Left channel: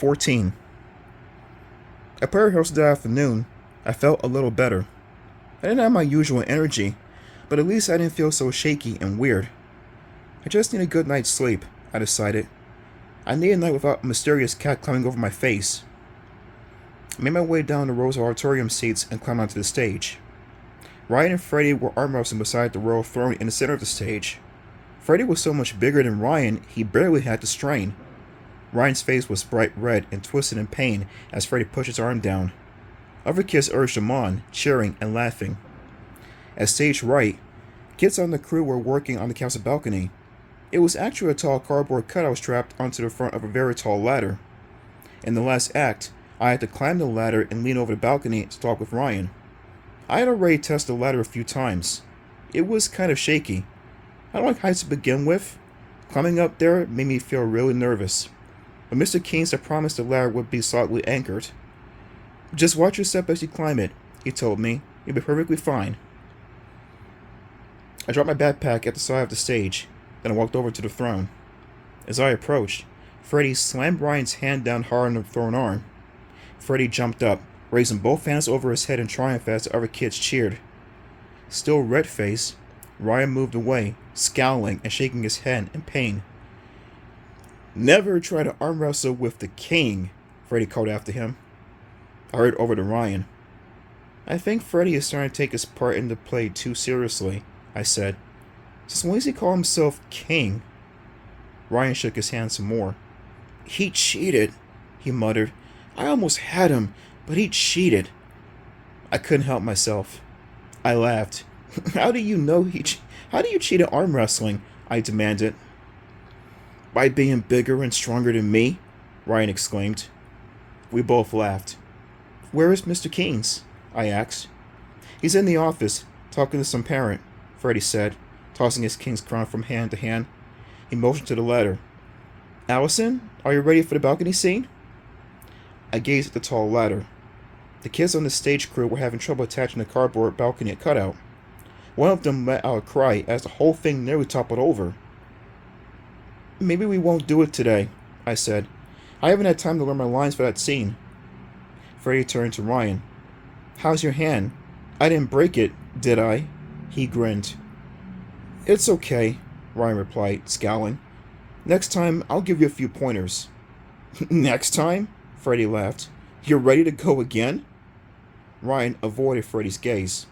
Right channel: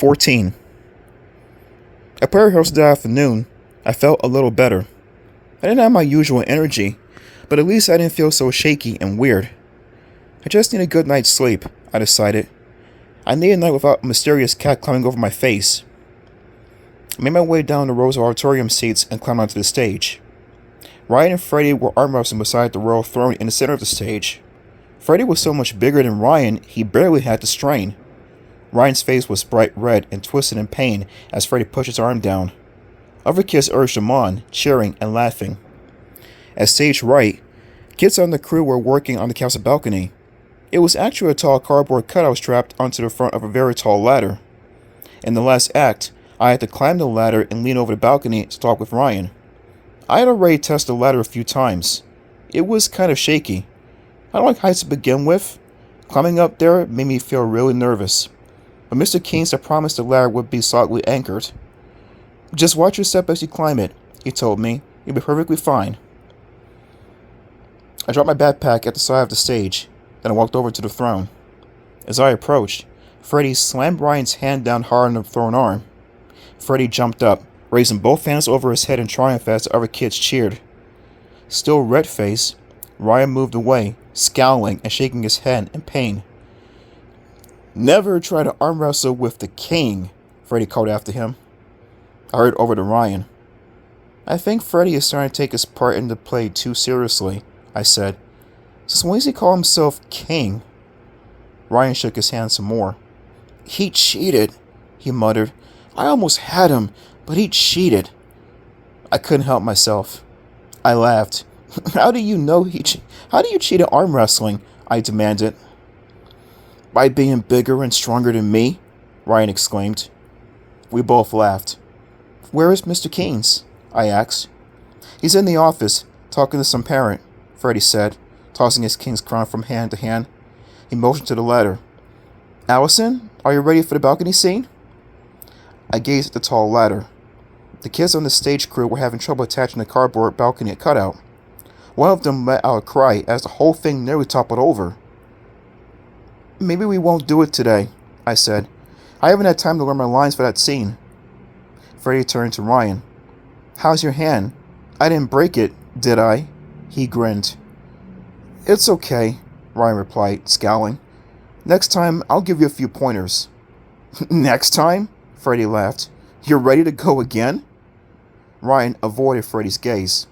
14. At prayer rehearsal that afternoon, I felt a little better. I didn't have my usual energy, but at least I didn't feel so shaky and weird. I just need a good night's sleep, I decided. I need a night without a mysterious cat climbing over my face. I made my way down the rows of auditorium seats and climbed onto the stage. Ryan and Freddie were arm wrestling beside the royal throne in the center of the stage. Freddie was so much bigger than Ryan, he barely had to strain. Ryan's face was bright red and twisted in pain as Freddie pushed his arm down. Other kids urged him on, cheering and laughing. At stage right, kids on the crew were working on the castle balcony. It was actually a tall cardboard cutout strapped onto the front of a very tall ladder. In the last act, I had to climb the ladder and lean over the balcony to talk with Ryan. I had already tested the ladder a few times. It was kind of shaky. I don't like heights to begin with. Climbing up there made me feel really nervous. But Mr. Keynes had promised the ladder would be solidly anchored. "Just watch your step as you climb it," he told me. "You'll be perfectly fine." I dropped my backpack at the side of the stage. Then I walked over to the throne. As I approached, Freddie slammed Ryan's hand down hard on the throne arm. Freddie jumped up, raising both hands over his head in triumph as the other kids cheered. Still red-faced, Ryan moved away, scowling and shaking his head in pain. "Never try to arm wrestle with the king," Freddie called after him. I hurried over to Ryan. "I think Freddie is starting to take his part in the play too seriously," I said. "Since when does he call himself king?" Ryan shook his hand some more. "He cheated," he muttered. "I almost had him, but he cheated." I couldn't help myself. I laughed. How do you know How do you cheat at arm wrestling?" I demanded. "By being bigger and stronger than me," Ryan exclaimed. We both laughed. "Where is Mr. Keynes?" I asked. "He's in the office, talking to some parent," Freddie said, tossing his king's crown from hand to hand. He motioned to the ladder. "Allison, are you ready for the balcony scene?" I gazed at the tall ladder. The kids on the stage crew were having trouble attaching the cardboard balcony cutout. One of them let out a cry as the whole thing nearly toppled over. "Maybe we won't do it today," I said. "I haven't had time to learn my lines for that scene." Freddie turned to Ryan. "How's your hand? I didn't break it, did I?" He grinned. "It's okay," Ryan replied, scowling. "Next time, I'll give you a few pointers." "Next time?" Freddie laughed. "You're ready to go again?" Ryan avoided Freddie's gaze.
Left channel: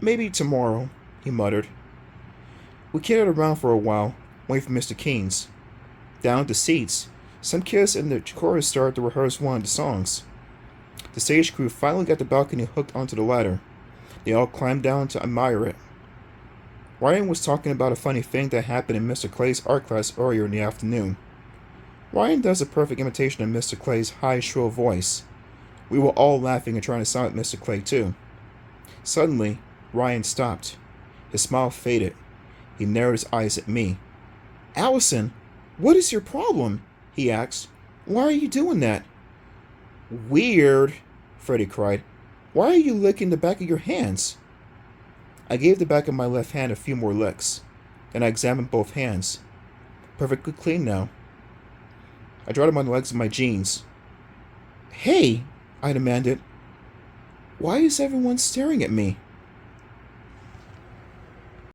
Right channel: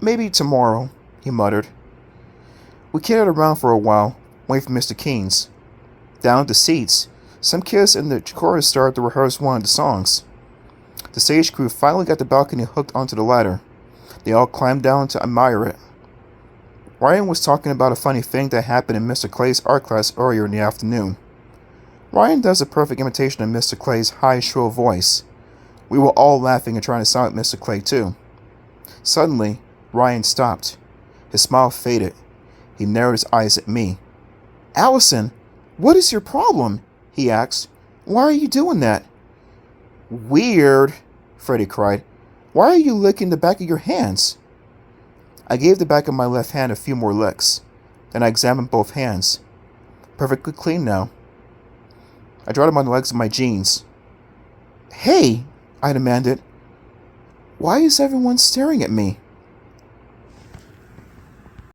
"Maybe tomorrow," he muttered. We kitted around for a while, waiting for Mr. Keynes. Down at the seats, some kids in the chorus started to rehearse one of the songs. The stage crew finally got the balcony hooked onto the ladder. They all climbed down to admire it. Ryan was talking about a funny thing that happened in Mr. Clay's art class earlier in the afternoon. Ryan does a perfect imitation of Mr. Clay's high, shrill voice. We were all laughing and trying to sound like Mr. Clay, too. Suddenly, Ryan stopped. His smile faded. He narrowed his eyes at me. "Allison, what is your problem?" he asked. "Why are you doing that?" "Weird," Freddie cried. "Why are you licking the back of your hands?" I gave the back of my left hand a few more licks. Then I examined both hands. Perfectly clean now. I dried them on the legs of my jeans. "Hey," I demanded. "Why is everyone staring at me?"